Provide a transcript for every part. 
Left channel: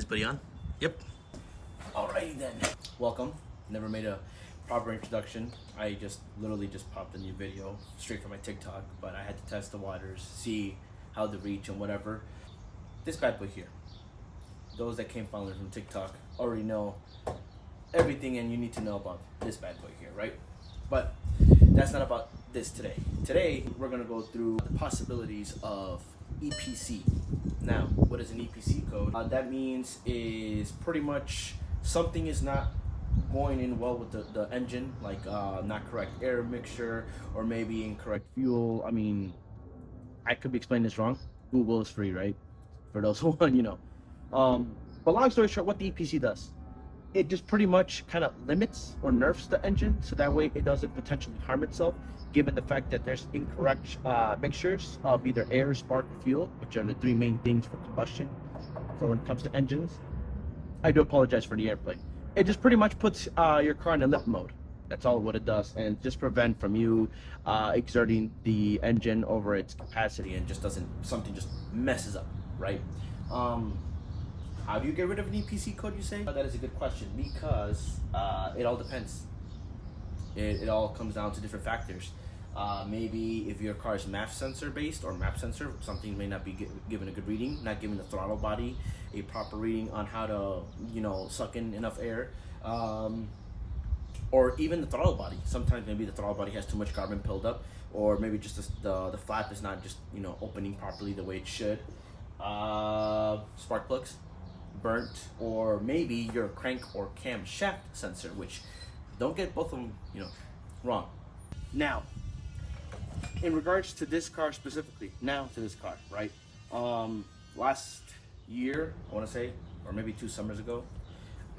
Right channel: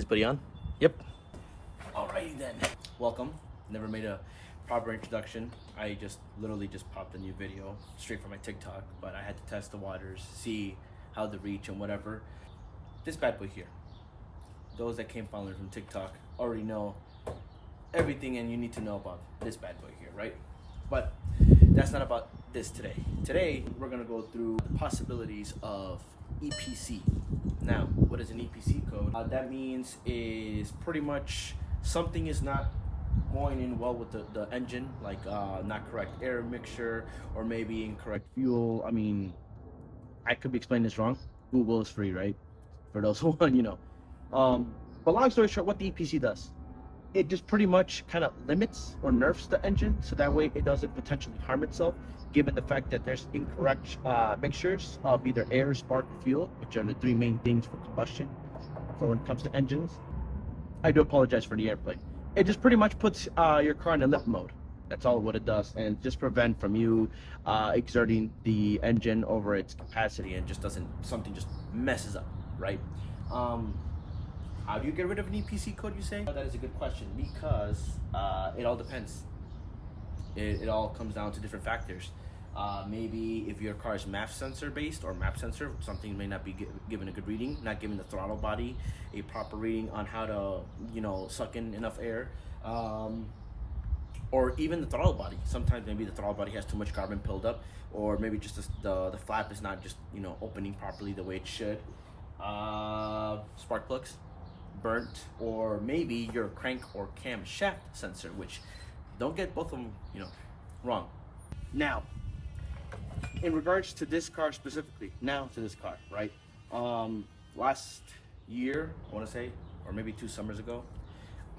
Is buddy on? Yep. Alrighty then. Welcome. Never made a proper introduction. I literally just popped a new video straight from my TikTok, but I had to test the waters, see how the reach and whatever. This bad boy here. Those that came following from TikTok already know everything and you need to know about this bad boy here, right? But that's not about this today. Today, we're gonna go through the possibilities of EPC. Now, what is an EPC code? That means is pretty much something is not going in well with the engine, like not correct air mixture or maybe incorrect fuel. I mean, I could be explaining this wrong. Google is free, right? For those who want, you know. But long story short, what the EPC does, it just pretty much kind of limits or nerfs the engine so that way it doesn't potentially harm itself, given the fact that there's incorrect mixtures of either air, spark, or fuel, which are the three main things for combustion for when it comes to engines. I do apologize for the airplay. It just pretty much puts your car in a limp mode. That's all what it does, and just prevent from you exerting the engine over its capacity and just something just messes up, right? How do you get rid of an EPC code, you say? That is a good question, because it all depends. It all comes down to different factors. Maybe if your car is MAF sensor based or MAP sensor, something may not be given a good reading, not giving the throttle body a proper reading on how to, you know, suck in enough air. Or even the throttle body. Sometimes maybe the throttle body has too much carbon build up, or maybe just the flap is not just, you know, opening properly the way it should. Spark plugs burnt, or maybe your crank or camshaft sensor, which don't get both of them, you know, wrong. Now, in regards to this car specifically, right? Last year, I want to say, or maybe 2 summers ago,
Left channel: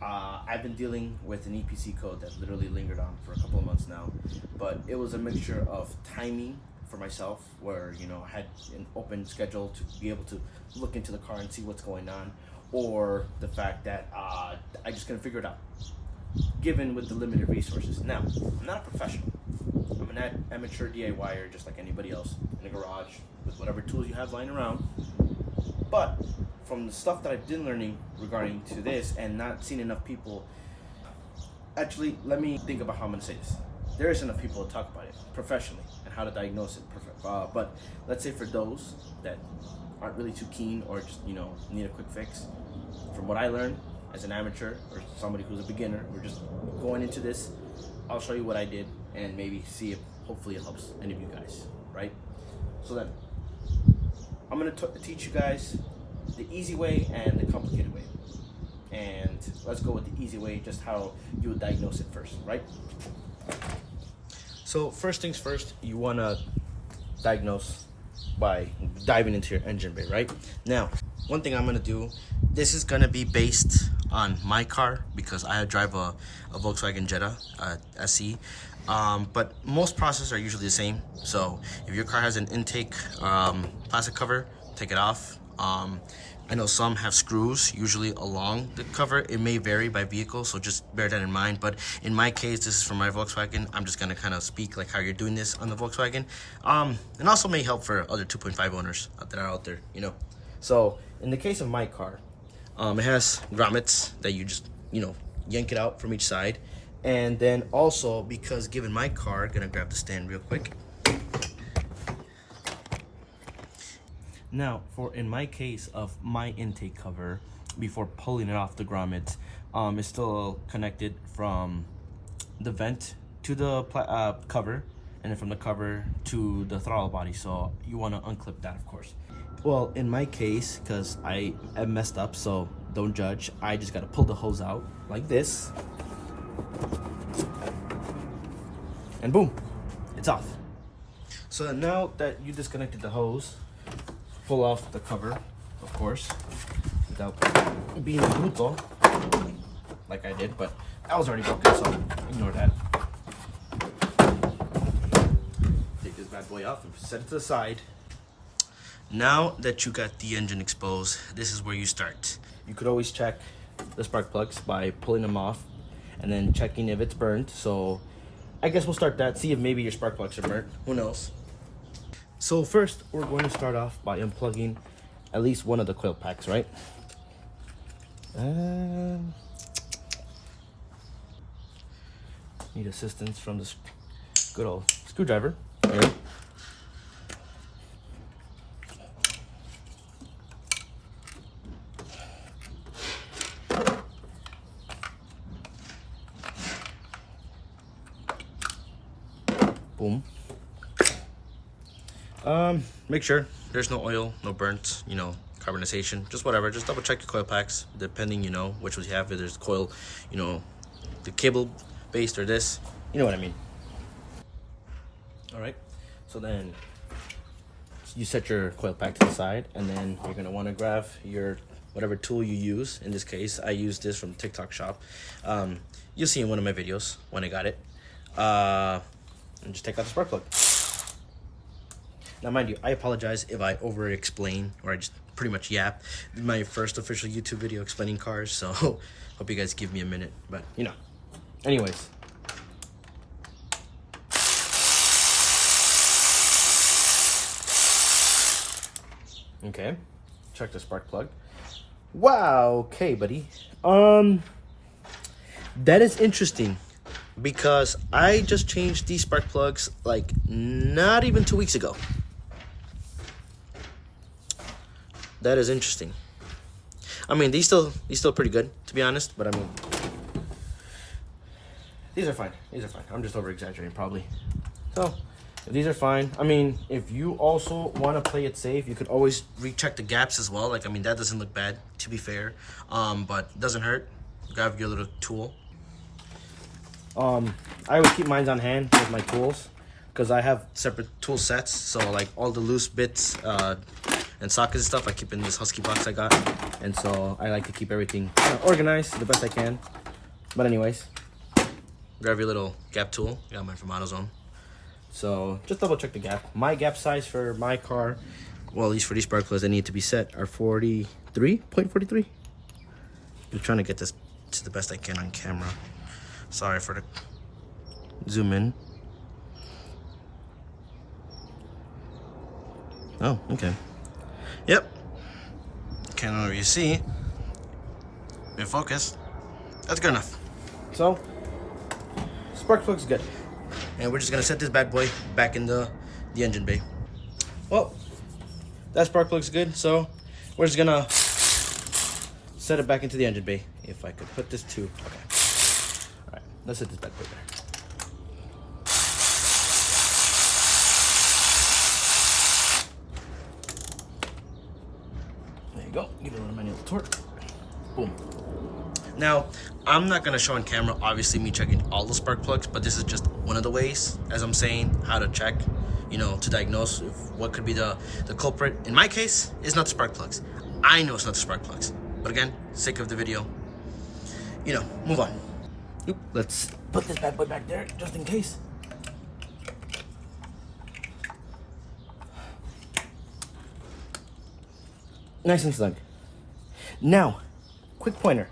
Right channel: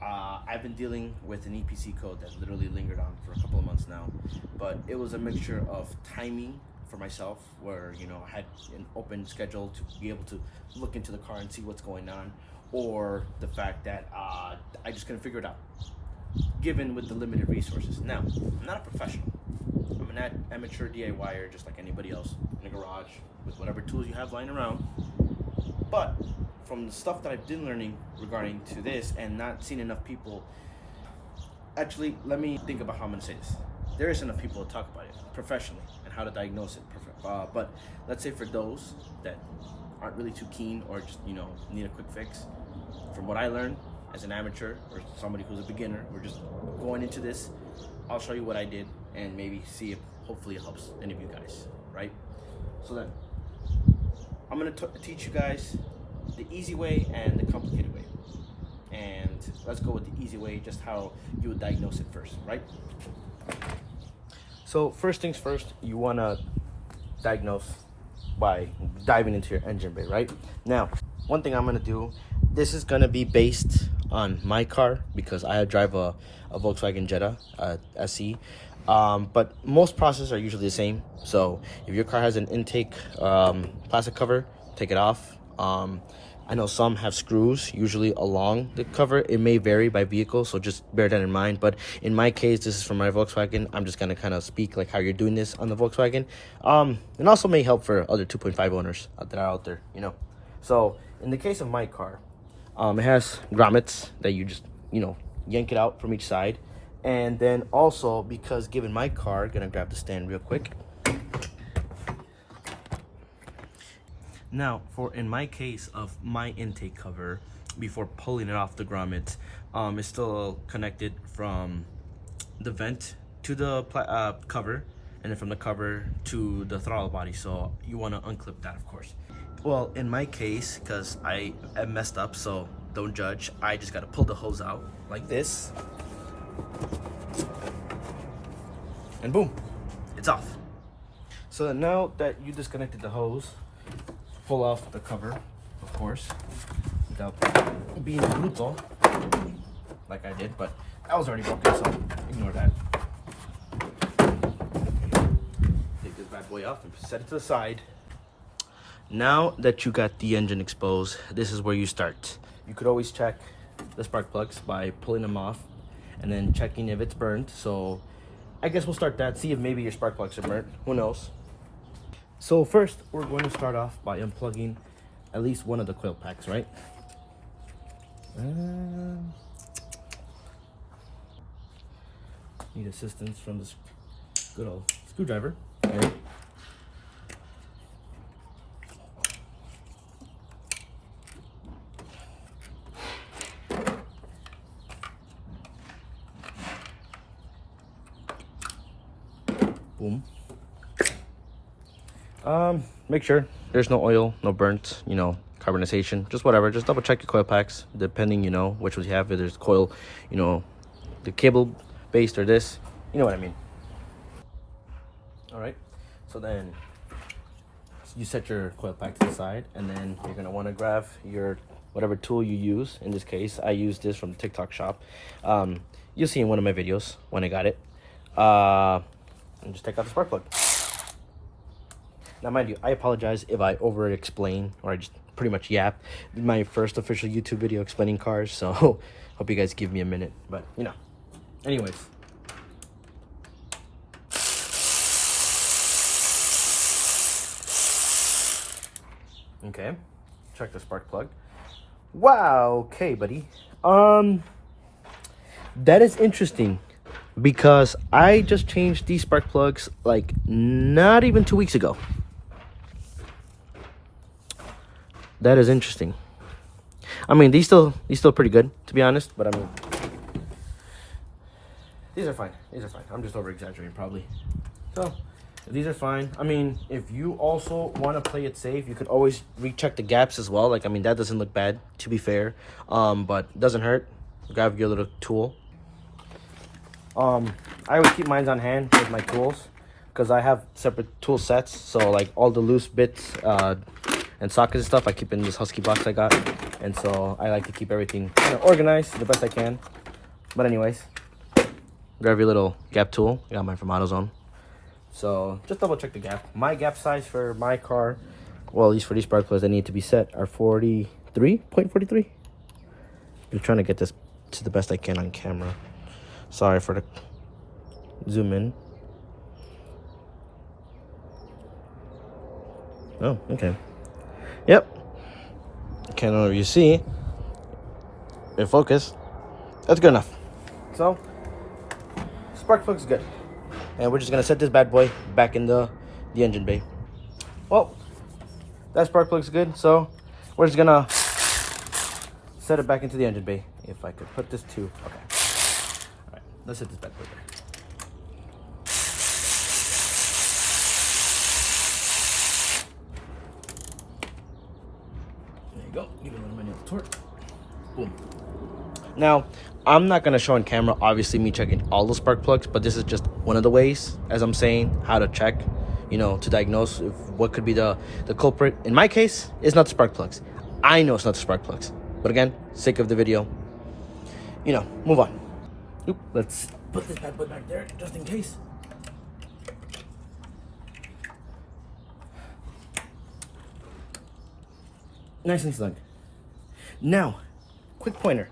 I've been dealing with an EPC code that literally lingered on for a couple of months now, but it was a mixture of timing for myself, where, you know, I had an open schedule to be able to look into the car and see what's going on, or the fact that I just couldn't figure it out, given with the limited resources. Now, I'm not a professional. I'm an amateur DIYer, just like anybody else, in a garage with whatever tools you have lying around. But from the stuff that I've been learning regarding to this and not seeing enough people, actually, let me think about how I'm gonna say this. There isn't enough people to talk about it professionally and how to diagnose it. But let's say for those that aren't really too keen or just, you know, need a quick fix, from what I learned as an amateur or somebody who's a beginner, we're just going into this, I'll show you what I did and maybe see if hopefully it helps any of you guys, right? So then, I'm gonna teach you guys the easy way and the complicated way. And let's go with the easy way, just how you would diagnose it first, right? So first things first, you wanna diagnose by diving into your engine bay, right? Now, one thing I'm gonna do, this is gonna be based on my car because I drive a Volkswagen Jetta SE, but most processes are usually the same. So if your car has an intake plastic cover, take it off. I know some have screws usually along the cover. It may vary by vehicle, so just bear that in mind. But in my case, this is for my Volkswagen. I'm just gonna kind of speak like how you're doing this on the Volkswagen, and also may help for other 2.5 owners that are out there, you know. So in the case of my car, it has grommets that you just, you know, yank it out from each side. And then also, because given my car, gonna grab the stand real quick. Now, in my case of my intake cover, before pulling it off the grommet, it's still connected from the vent to the cover, and then from the cover to the throttle body. So you want to unclip that, of course. Well, in my case, because I messed up, so don't judge, I just got to pull the hose out like this. And boom, it's off. So now that you disconnected the hose, pull off the cover, of course, without being brutal, like I did, but I was already broken, so ignore that. Take this bad boy off and set it to the side. Now that you got the engine exposed, this is where you start. You could always check the spark plugs by pulling them off and then checking if it's burnt. So I guess we'll start that, see if maybe your spark plugs are burnt, who knows. So first, we're going to start off by unplugging at least one of the coil packs, right? Need assistance from this good old screwdriver. Yeah. Boom. Make sure there's no oil, no burnt, you know, carbonization, just whatever. Just double check your coil packs, depending, you know, which ones you have. If there's coil, you know, the cable based or this, you know what I mean. All right, so then you set your coil pack to the side, and then you're gonna want to grab your whatever tool you use. In this case, I use this from TikTok shop. You'll see in one of my videos when I got it. And just take out the spark plug. Now, mind you, I apologize if I over explain or I just pretty much yap. This is my first official YouTube video explaining cars, so hope you guys give me a minute. But you know, anyways. Okay, check the spark plug. Wow, okay, buddy. That is interesting because I just changed these spark plugs like not even 2 weeks ago. That is interesting. I mean, these still pretty good, to be honest, but I mean, these are fine. These are fine. I'm just over exaggerating probably. So these are fine. I mean, if you also want to play it safe, you could always recheck the gaps as well. Like, I mean, that doesn't look bad, to be fair. But it doesn't hurt. Grab your little tool. I always keep mine on hand with my tools because I have separate tool sets. So like all the loose bits and sockets and stuff I keep in this Husky box I got. And so I like to keep everything organized the best I can. But anyways, grab your little gap tool. I got mine from AutoZone. So just double check the gap. My gap size for my car, well, at least for these spark plugs that need to be set, are 43.43. I'm trying to get this to the best I can on camera. Sorry for the zoom in. Oh, okay. Yep. Can't know if you see. In focus. That's good enough. So, spark plug's good. And we're just gonna set this bad boy back in the engine bay. Well, that spark plug's good, so we're just gonna set it back into the engine bay. If I could put this to, okay. All right, let's set this bad boy there. There you go, give it a little manual torque. Boom. Now, I'm not gonna show on camera, obviously, me checking all the spark plugs, but this is just one of the ways, as I'm saying, how to check, you know, to diagnose if what could be the culprit. In my case, it's not the spark plugs. I know it's not the spark plugs. But again, sake of the video, you know, move on. Oop, let's put this bad boy back there, just in case. Nice and snug. Now, quick pointer.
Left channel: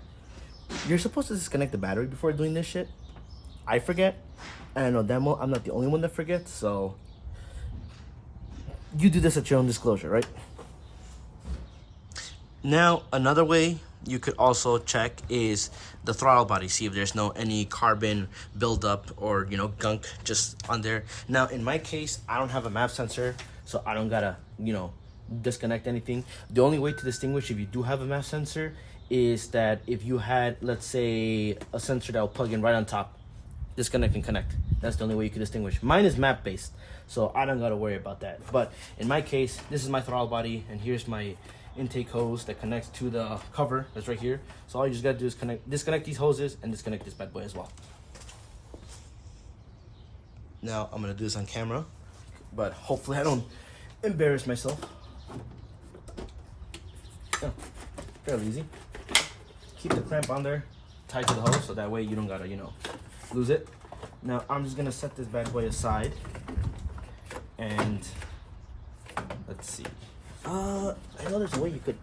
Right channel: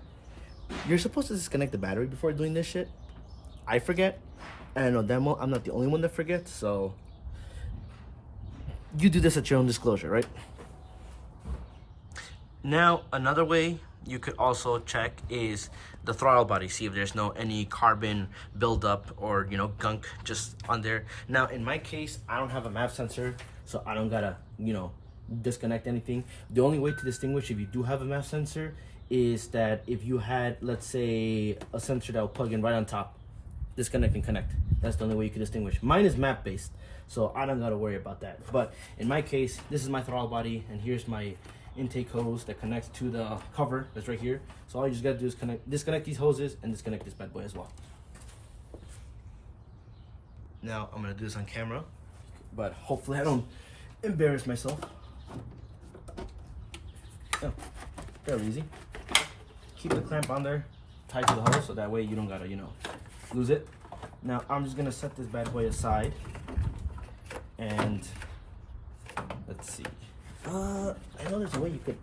You're supposed to disconnect the battery before doing this shit. I forget. And I know damn well I'm not the only one that forgets, so you do this at your own disclosure, right? Now, another way you could also check is the throttle body. See if there's any carbon buildup or, you know, gunk just on there. Now, in my case, I don't have a MAP sensor, so I don't gotta, you know, disconnect anything. The only way to distinguish if you do have a MAP sensor is that if you had, let's say, a sensor that will plug in right on top, disconnect and connect. That's the only way you can distinguish. Mine is map based, so I don't gotta worry about that. But in my case, this is my throttle body, and here's my intake hose that connects to the cover that's right here. So all you just gotta do is disconnect these hoses and disconnect this bad boy as well. Now I'm gonna do this on camera, but hopefully I don't embarrass myself. Oh, fairly easy. Keep the clamp on there, tied to the hose, so that way you don't gotta, you know, lose it. Now I'm just gonna set this bad boy aside, and let's see. I know there's a way you could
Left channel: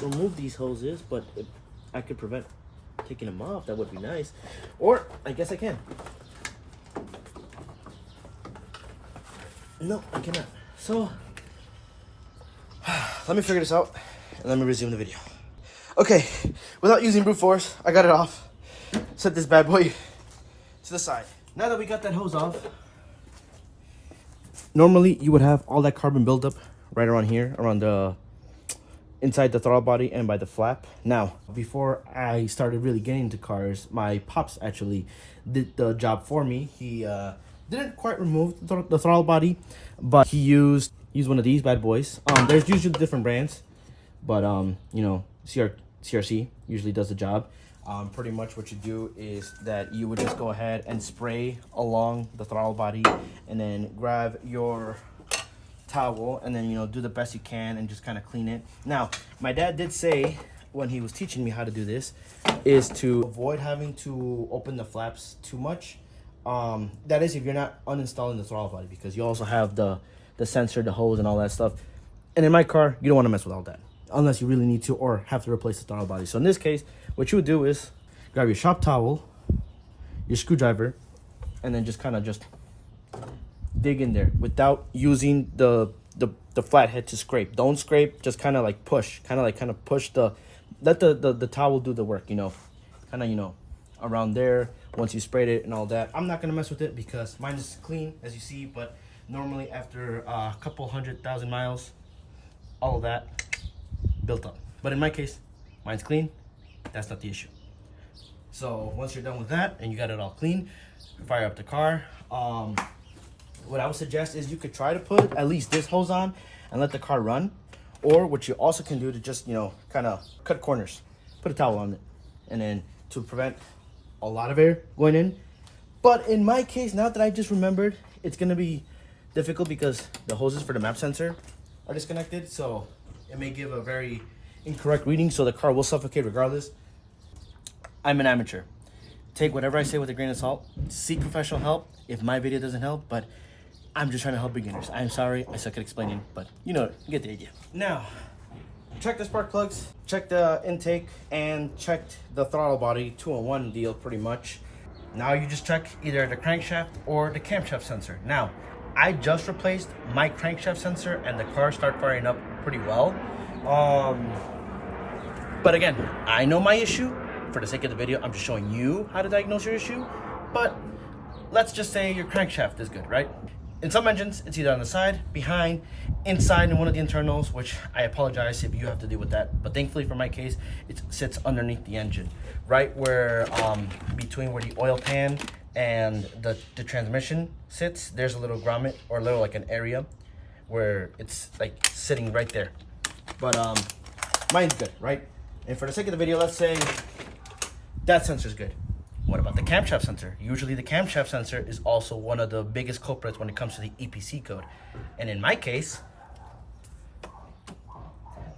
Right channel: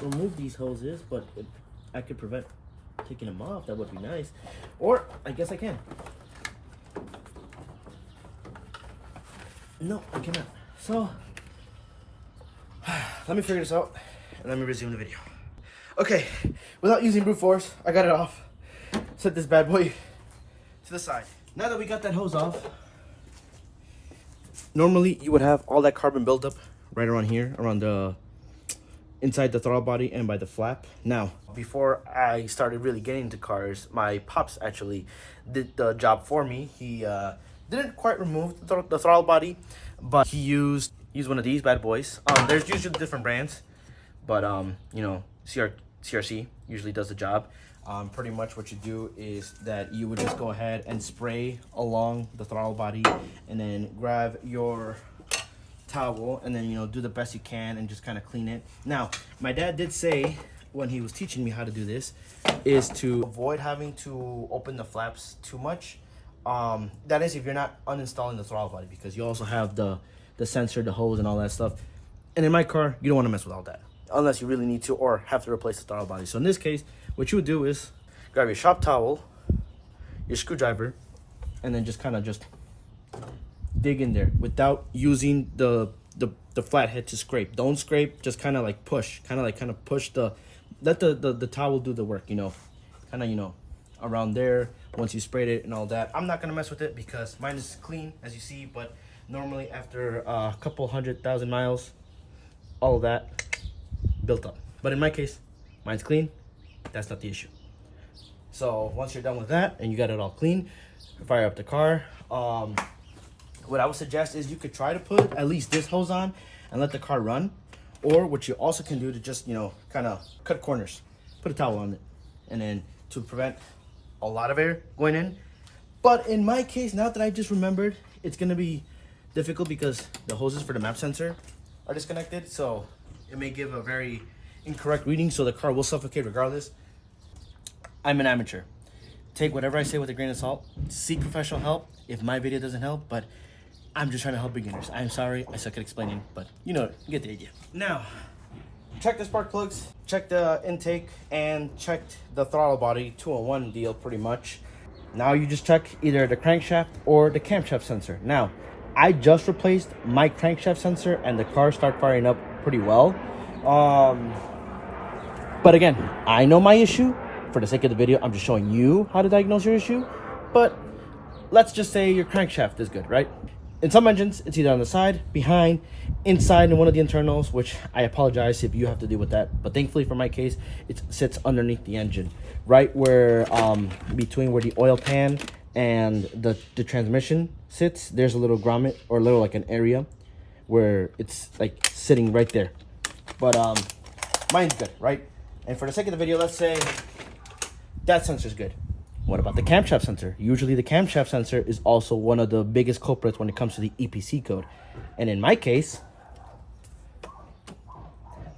remove these hoses, but if I could prevent taking them off, that would be nice. Or I guess I can. No, I cannot. So let me figure this out and let me resume the video. Okay, without using brute force, I got it off. Set this bad boy to the side. Now that we got that hose off, normally you would have all that carbon buildup right around here, around the inside the throttle body and by the flap. Now, before I started really getting into cars, my pops actually did the job for me. He didn't quite remove the throttle body, but he used one of these bad boys. There's usually different brands, but you know, CRC usually does the job. Pretty much what you do is that you would just go ahead and spray along the throttle body, and then grab your towel and then, you know, do the best you can and just kind of clean it. Now, my dad did say when he was teaching me how to do this is to avoid having to open the flaps too much. That is if you're not uninstalling the throttle body, because you also have the sensor, the hose, and all that stuff. And in my car, you don't want to mess with all that unless you really need to or have to replace the throttle body. So in this case, what you would do is grab your shop towel, your screwdriver, and then just kind of just dig in there without using the flathead to scrape. Don't scrape, just kind of like push, kind of push let the towel do the work, you know, kind of, you know, around there once you sprayed it and all that. I'm not gonna mess with it because mine is clean, as you see, but normally after a couple 100,000 miles, all of that built up. But in my case, mine's clean. That's not the issue. So once you're done with that and you got it all clean, fire up the car. What I would suggest is you could try to put at least this hose on and let the car run. Or what you also can do to just, you know, kind of cut corners, put a towel on it, and then to prevent a lot of air going in. But in my case, now that I just remembered, it's going to be difficult because the hoses for the map sensor are disconnected. So it may give a very incorrect reading, so the car will suffocate regardless. I'm an amateur. Take whatever I say with a grain of salt. Seek professional help if my video doesn't help, but I'm just trying to help beginners. I'm sorry, I suck at explaining, but you know, you get the idea. Now, check the spark plugs, check the intake, and checked the throttle body, 2-in-1 deal pretty much. Now you just check either the crankshaft or the camshaft sensor. Now, I just replaced my crankshaft sensor and the car started firing up pretty well. But again, I know my issue. For the sake of the video, I'm just showing you how to diagnose your issue. But let's just say your crankshaft is good, right? In some engines, it's either on the side, behind, inside in one of the internals, which I apologize if you have to deal with that. But thankfully for my case, it sits underneath the engine, right where between where the oil pan and the transmission sits. There's a little grommet, or a little like an area where it's like sitting right there. But mine's good, right? And for the sake of the video, let's say that sensor's good. What about the camshaft sensor? Usually the camshaft sensor is also one of the biggest culprits when it comes to the EPC code. And in my case,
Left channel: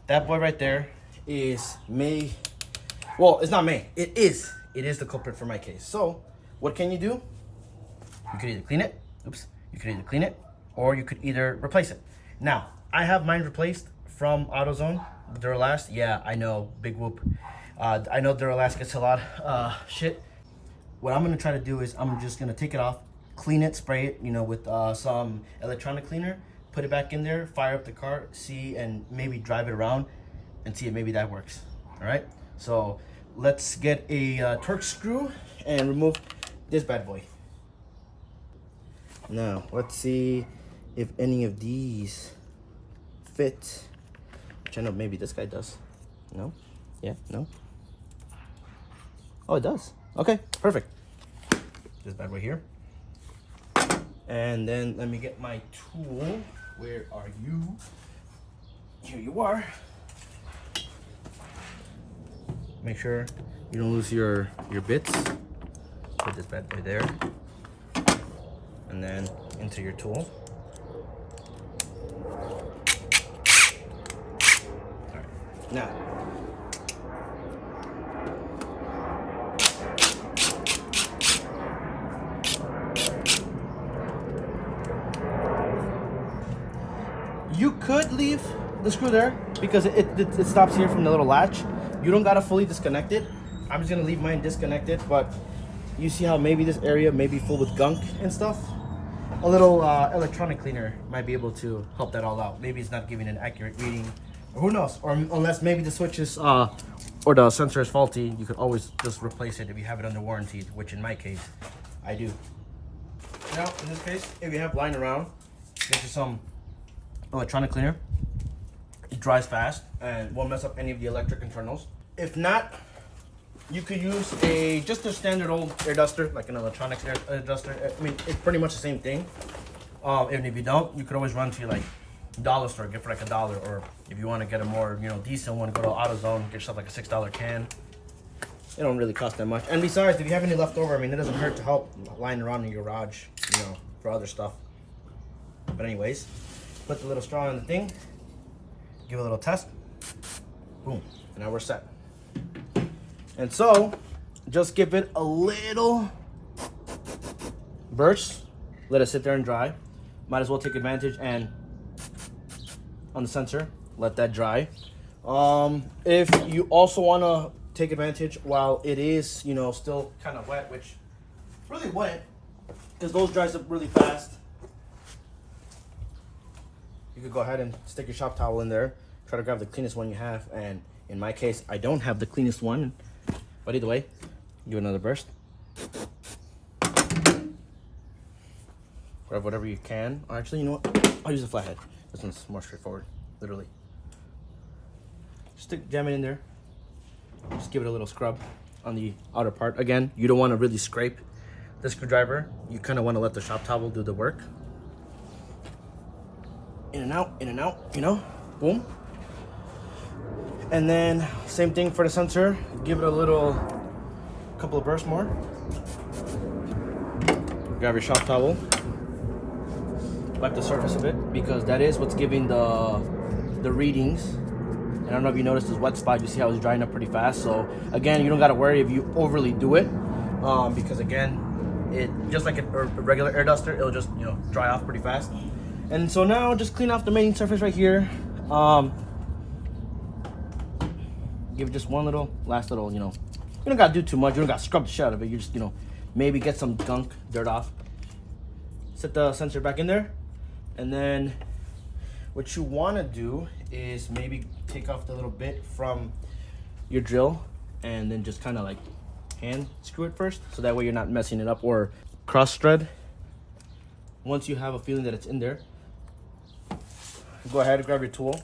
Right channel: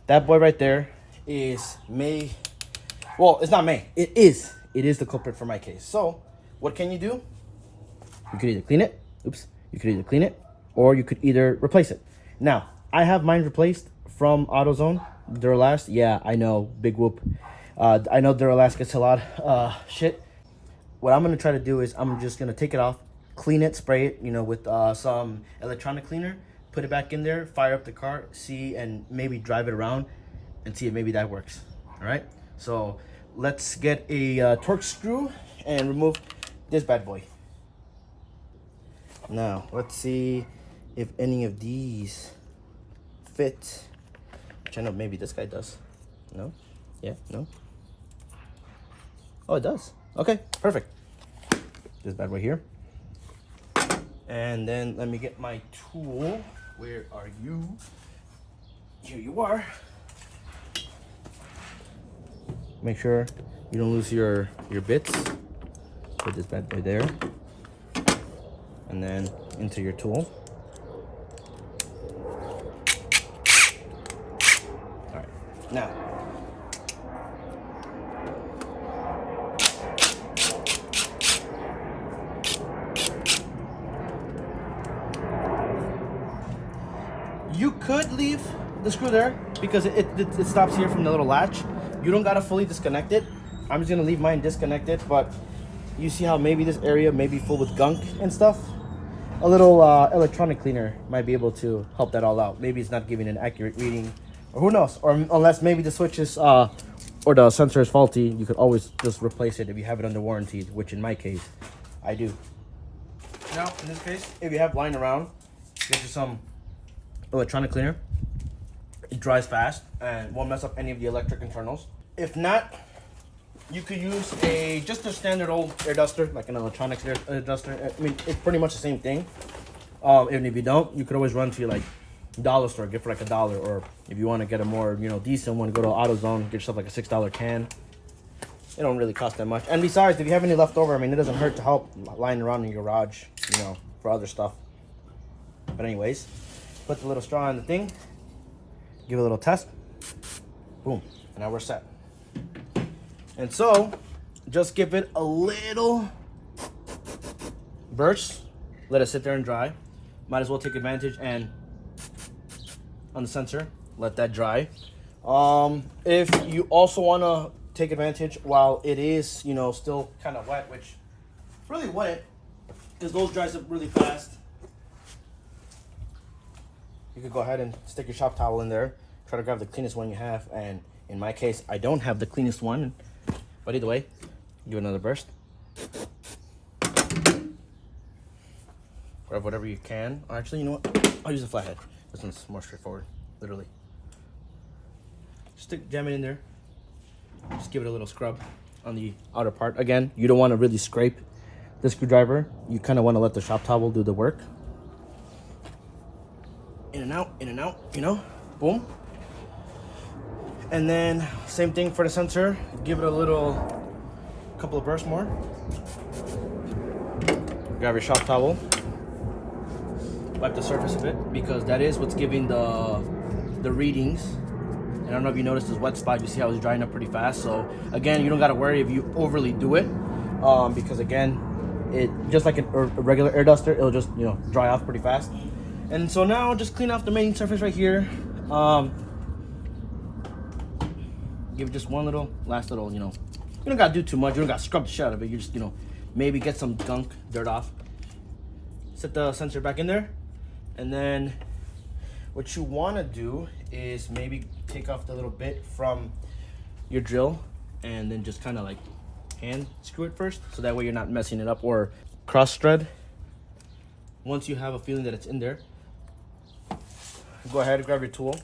that boy right there is well, it's not it is the culprit for my case. So what can you do? You could either clean it, you could either clean it, or you could either replace it. Now, I have mine replaced from AutoZone, Duralast. Yeah, I know, big whoop. I know Duralast gets a lot shit. What I'm gonna try to do is I'm just gonna take it off, clean it, spray it, you know, with some electronic cleaner, put it back in there, fire up the car, see, and maybe drive it around and see if maybe that works. All right, so let's get a torque screw and remove this bad boy. Now let's see if any of these fit, which I know maybe this guy does. No? Yeah, no? Oh, it does. Okay, perfect. This bad boy here. And then let me get my tool. Where are you? Here you are. Make sure you don't lose your bits. Put this bad boy there. And then into your tool. All right, now. You could leave the screw there because it stops here from the little latch. You don't gotta fully disconnect it. I'm just gonna leave mine disconnected, but you see how maybe this area may be full with gunk and stuff? A little electronic cleaner might be able to help that all out. Maybe it's not giving an accurate reading, or who knows? Or unless maybe the switch is or the sensor is faulty, you could always just replace it if you have it under warranty, which in my case, I do. Now, in this case, if you have lying around, get you some electronic cleaner. It dries fast and won't mess up any of the electric internals. If not, you could use just a standard old air duster, like an electronics air duster. I mean, it's pretty much the same thing. And if you don't, you could always run to your like dollar store, get for like $1, or if you want to get a more decent one, go to AutoZone, get yourself like a $6 can. It don't really cost that much. And besides, if you have any left over, I mean, it doesn't hurt to help lying around in your garage, for other stuff. But anyways, put the little straw in the thing, give it a little test, boom, and now we're set. And so, just give it a little burst, let it sit there and dry. Might as well take advantage and on the sensor, let that dry. If you also want to take advantage while it is, still kind of wet, which really wet, because those dries up really fast. You could go ahead and stick your shop towel in there, try to grab the cleanest one you have, and in my case, I don't have the cleanest one, but either way, give it another burst. Grab whatever you can. Actually, you know what? I'll use a flathead. This one's more straightforward, literally. Jam it in there. Just give it a little scrub on the outer part. Again, you don't want to really scrape the screwdriver. You kind of want to let the shop towel do the work. In and out, boom. And then same thing for the sensor. Give it a couple of bursts more. Grab your shop towel. Wipe the surface of it, because that is what's giving the readings. And I don't know if you noticed this wet spot. You see how it's drying up pretty fast. So again, you don't got to worry if you overly do it, because again, it just like a regular air duster, it'll just dry off pretty fast. And so now just clean off the main surface right here. Give it just one last little, you don't got to do too much. You don't got to scrub the shit out of it. You just, maybe get some gunk, dirt off. Set the sensor back in there. And then what you want to do is maybe take off the little bit from your drill and then just kind of like hand screw it first, so that way you're not messing it up, or cross thread. Once you have a feeling that it's in there, go ahead and grab your tool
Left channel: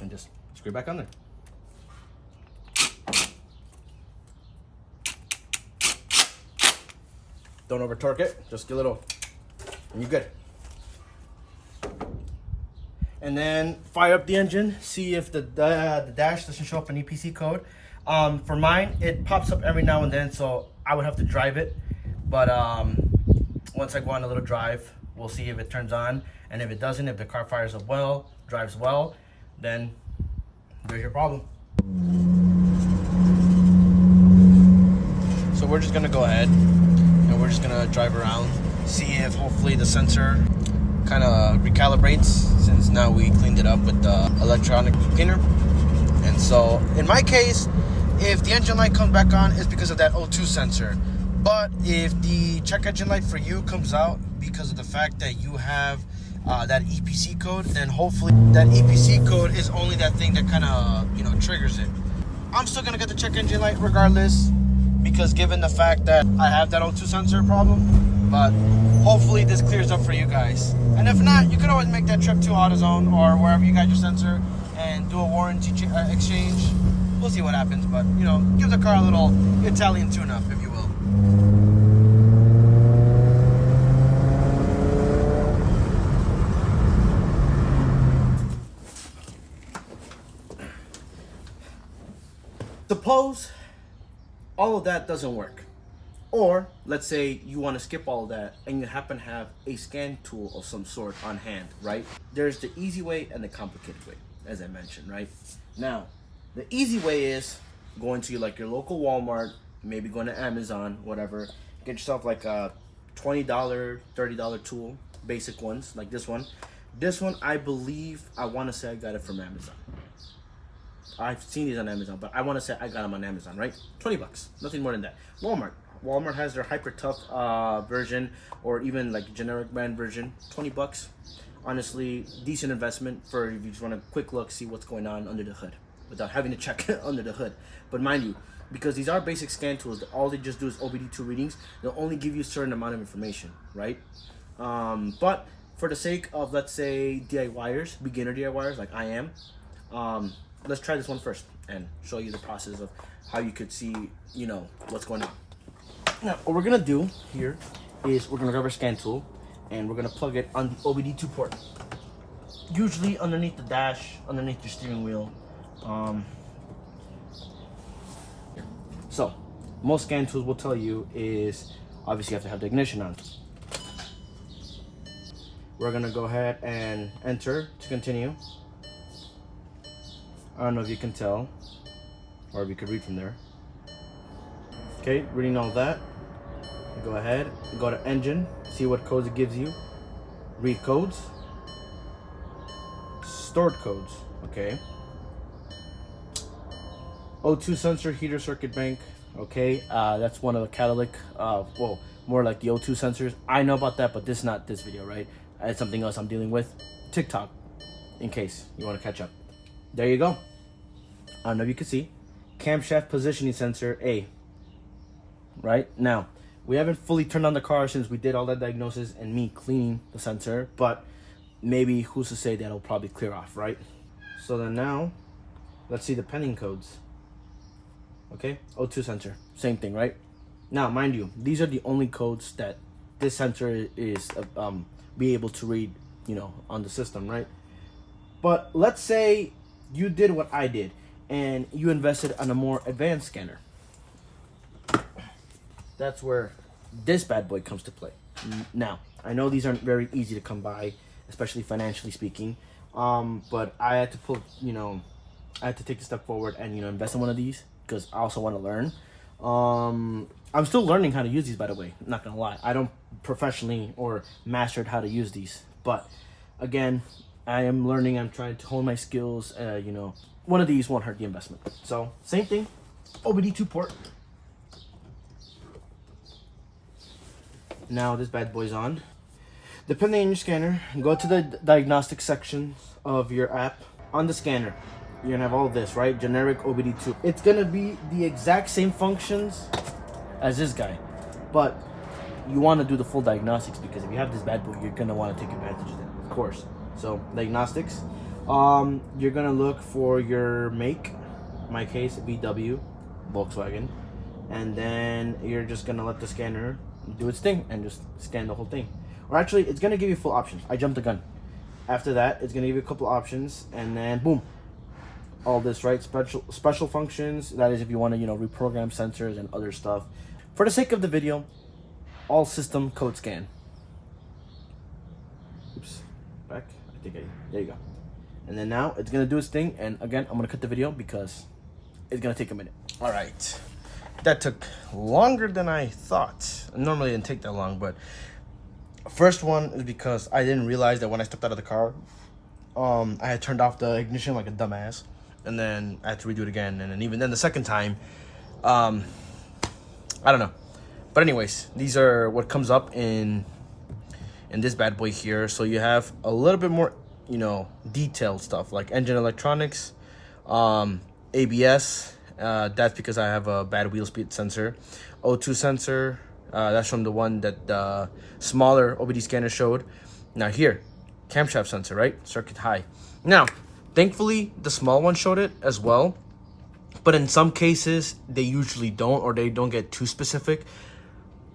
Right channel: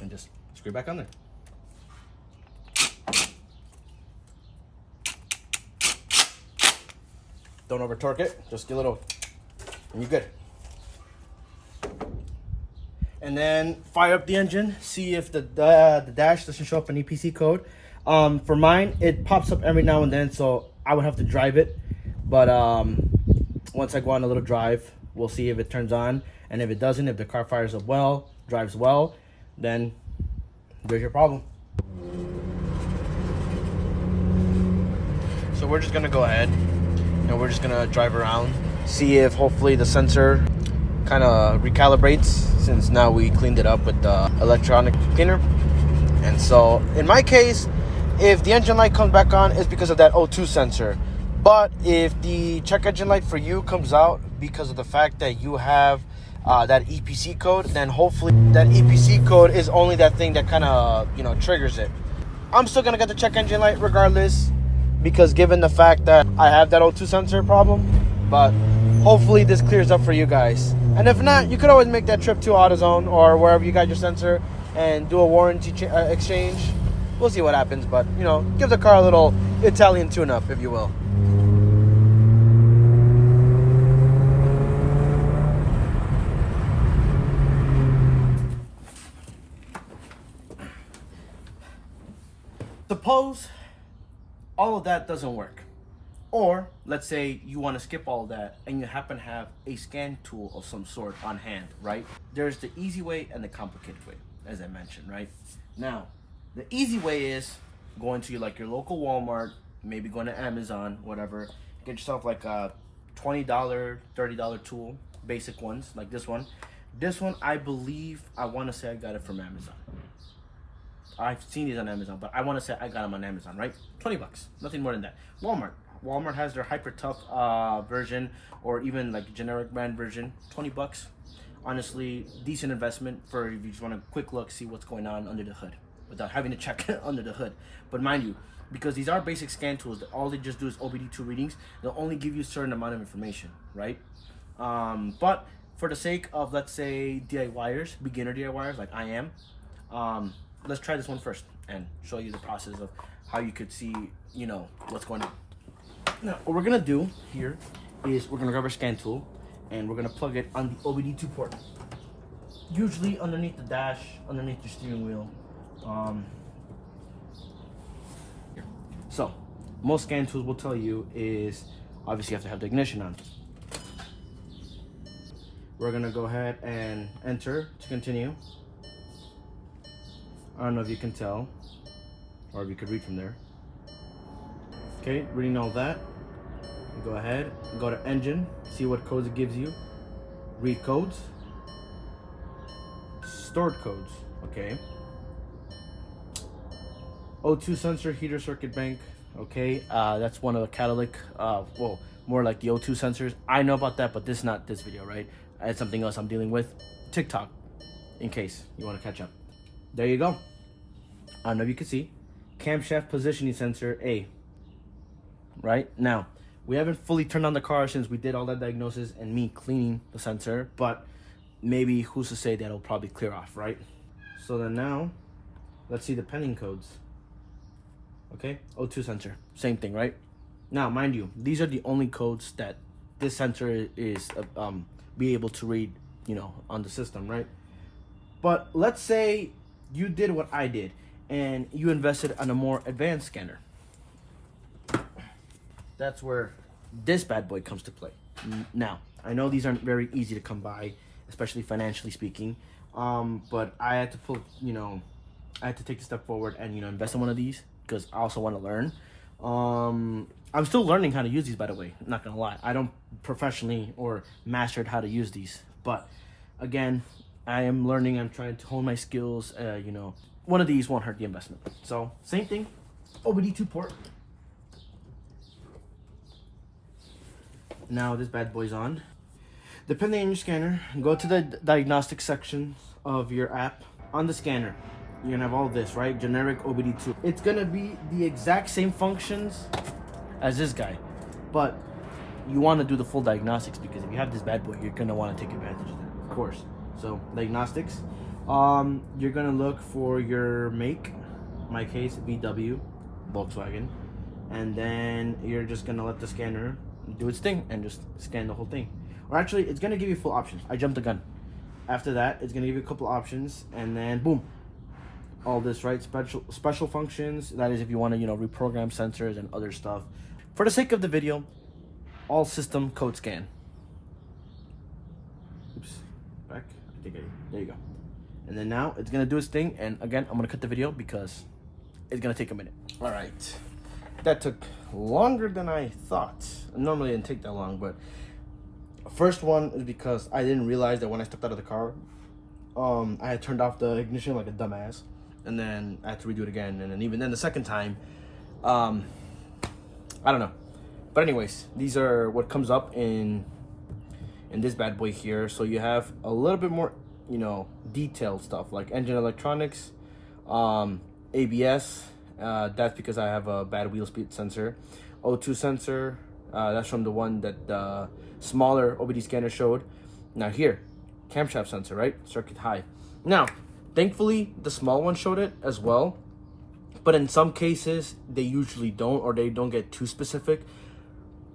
and just screw it back on there. Don't over torque it, just get a little, and you're good. And then fire up the engine, see if the dash doesn't show up an EPC code. For mine, it pops up every now and then, so I would have to drive it. But once I go on a little drive, we'll see if it turns on. And if it doesn't, if the car fires up well, drives well, then there's your problem. So we're just gonna go ahead and we're just gonna drive around, see if hopefully the sensor kind of recalibrates, since now we cleaned it up with the electronic cleaner. And so in my case, if the engine light comes back on, it's because of that O2 sensor. But if the check engine light for you comes out because of the fact that you have that EPC code, then hopefully that EPC code is only that thing that kind of triggers it. I'm still gonna get the check engine light regardless, because given the fact that I have that O2 sensor problem. But hopefully this clears up for you guys. And if not, you could always make that trip to AutoZone or wherever you got your sensor and do a warranty exchange. We'll see what happens, but give the car a little Italian tune-up, if you will. Suppose all of that doesn't work. Or let's say you want to skip all of that and you happen to have a scan tool of some sort on hand, right? There's the easy way and the complicated way, as I mentioned, right? Now, the easy way is going to like your local Walmart, maybe going to Amazon, whatever. Get yourself like a $20, $30 tool, basic ones like this one. This one, I believe, I want to say I got it from Amazon. I've seen these on Amazon, but I want to say I got them on Amazon, right? 20 bucks, nothing more than that. Walmart has their hyper tough version, or even like generic brand version, 20 bucks. honestly, decent investment for if you just want a quick look, see what's going on under the hood without having to check under the hood. But mind you, because these are basic scan tools, all they just do is OBD2 readings. They'll only give you a certain amount of information, right? But for the sake of, let's say, DIYers, beginner DIYers like I am, let's try this one first and show you the process of how you could see, you know, what's going on. Now, what we're gonna do here is we're gonna grab our scan tool and we're gonna plug it on the OBD2 port. Usually underneath the dash, underneath your steering wheel. Here. So, most scan tools will tell you is obviously you have to have the ignition on. We're gonna go ahead and enter to continue. I don't know if you can tell or if you could read from there. Okay, reading all that. Go ahead, go to engine, see what codes it gives you. Read codes. Stored codes, okay. O2 sensor, heater circuit bank, okay. That's one of the catalytic, well, more like the O2 sensors. I know about that, but this is not this video, right? It's something else I'm dealing with. TikTok, in case you want to catch up. There you go. I don't know if you can see. Camshaft positioning sensor A. Right now, we haven't fully turned on the car since we did all that diagnosis and me cleaning the sensor, but maybe who's to say that'll probably clear off, right? So then now, let's see the pending codes. Okay, O2 sensor, same thing, right? Now, mind you, these are the only codes that this sensor is be able to read, you know, on the system, right? But let's say you did what I did and you invested on a more advanced scanner. That's where this bad boy comes to play. Now, I know these aren't very easy to come by, especially financially speaking, but I had to pull, you know, I had to take a step forward and, you know, invest in one of these because I also want to learn. I'm still learning how to use these, by the way, I'm not gonna lie. I don't professionally or mastered how to use these, but again, I am learning. I'm trying to hone my skills. You know, one of these won't hurt the investment. So same thing, OBD2 port. Now this bad boy's on. Depending on your scanner, go to the diagnostic section of your app. On the scanner, you're gonna have all this, right? Generic OBD2. It's gonna be the exact same functions as this guy, but you want to do the full diagnostics because if you have this bad boy, you're gonna want to take advantage of that, of course. So diagnostics, you're gonna look for your make, in my case VW, Volkswagen, and then you're just gonna let the scanner do its thing and just scan the whole thing. Or actually, it's gonna give you full options. I jumped the gun. After that, it's gonna give you a couple options, and then boom, all this, right? Special functions. That is if you want to, you know, reprogram sensors and other stuff. For the sake of the video, all system code scan. Oops, back. There you go. And then now it's gonna do its thing. And again, I'm gonna cut the video because it's gonna take a minute. All right, that took longer than I thought. Normally it didn't take that long, but first one is because I didn't realize that when I stepped out of the car, I had turned off the ignition like a dumbass, and then I had to redo it again, and then even then the second time, I don't know. But anyways, these are what comes up in this bad boy here. So you have a little bit more, you know, detailed stuff like engine electronics, ABS. That's because I have a bad wheel speed sensor. O2 sensor. That's from the one that the smaller OBD scanner showed. Now here, camshaft sensor, right? Circuit high. Now, thankfully, the small one showed it as well. But in some cases, they usually don't, or they don't get too specific.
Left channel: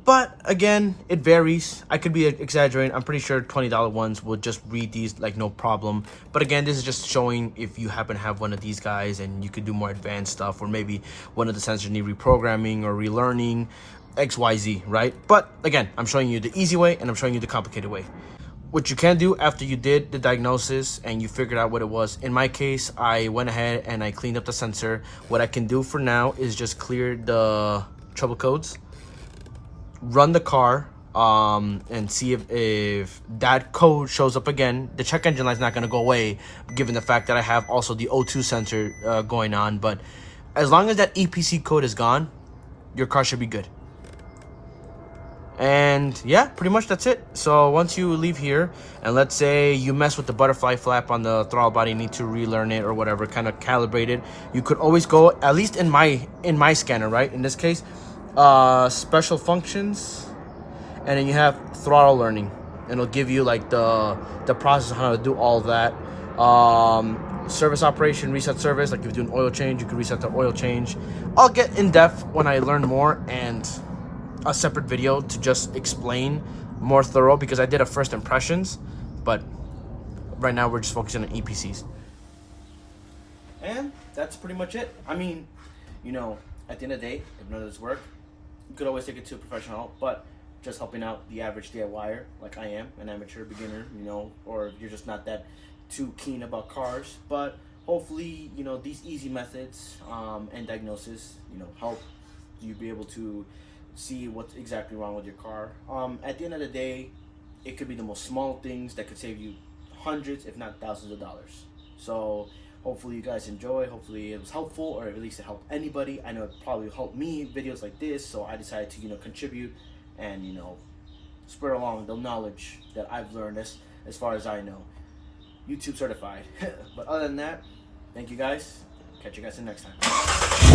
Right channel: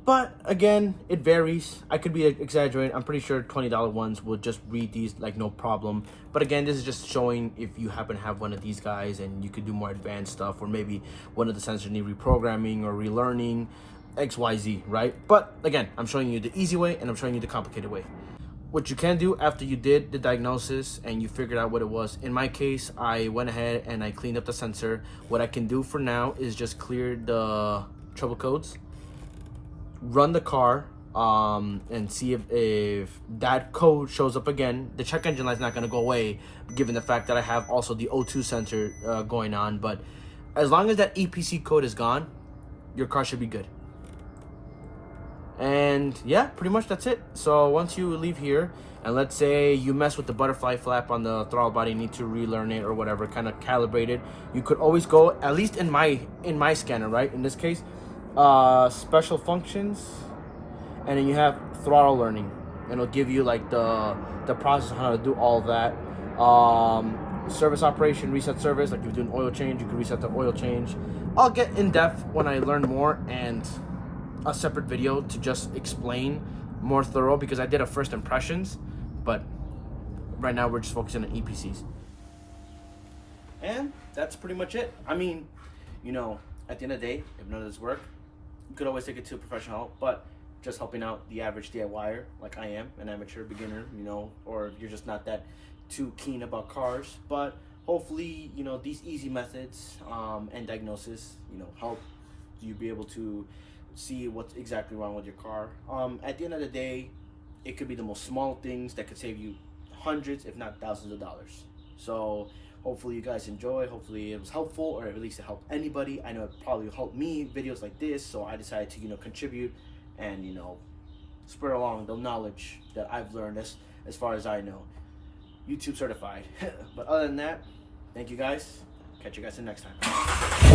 But again, it varies. I could be exaggerating. I'm pretty sure $20 ones will just read these like no problem. But again, this is just showing if you happen to have one of these guys and you could do more advanced stuff, or maybe one of the sensors need reprogramming or relearning, XYZ, right? But again, I'm showing you the easy way and I'm showing you the complicated way. What you can do after you did the diagnosis and you figured out what it was. In my case, I went ahead and I cleaned up the sensor. What I can do for now is just clear the trouble codes, run the car, and see if that code shows up again. The check engine light is not going to go away given the fact that I have also the O2 sensor going on. But as long as that EPC code is gone, your car should be good. And yeah, pretty much that's it. So once you leave here, and let's say you mess with the butterfly flap on the throttle body, need to relearn it or whatever, kind of calibrate it, you could always go, at least in my scanner, right? In this case, special functions, and then you have throttle learning, and it'll give you like the process of how to do all that. Service operation, reset service, like if you do an oil change, you can reset the oil change. I'll get in depth when I learn more, and a separate video to just explain more thorough, because I did a first impressions, but right now we're just focusing on EPCs. And that's pretty much it. I mean, you know, at the end of the day, if none of this work, you could always take it to a professional help, but just helping out the average DIYer like I am, an amateur beginner, you know, or you're just not that too keen about cars. But hopefully, you know, these easy methods and diagnosis, you know, help you be able to see what's exactly wrong with your car. At the end of the day, it could be the most small things that could save you hundreds, if not thousands of dollars. So hopefully you guys enjoy. Hopefully it was helpful, or at least it helped anybody. I know it probably helped me, videos like this, so I decided to, you know, contribute and, you know, spread along the knowledge that I've learned as far as I know. YouTube certified. But other than that, thank you guys. Catch you guys in the next time.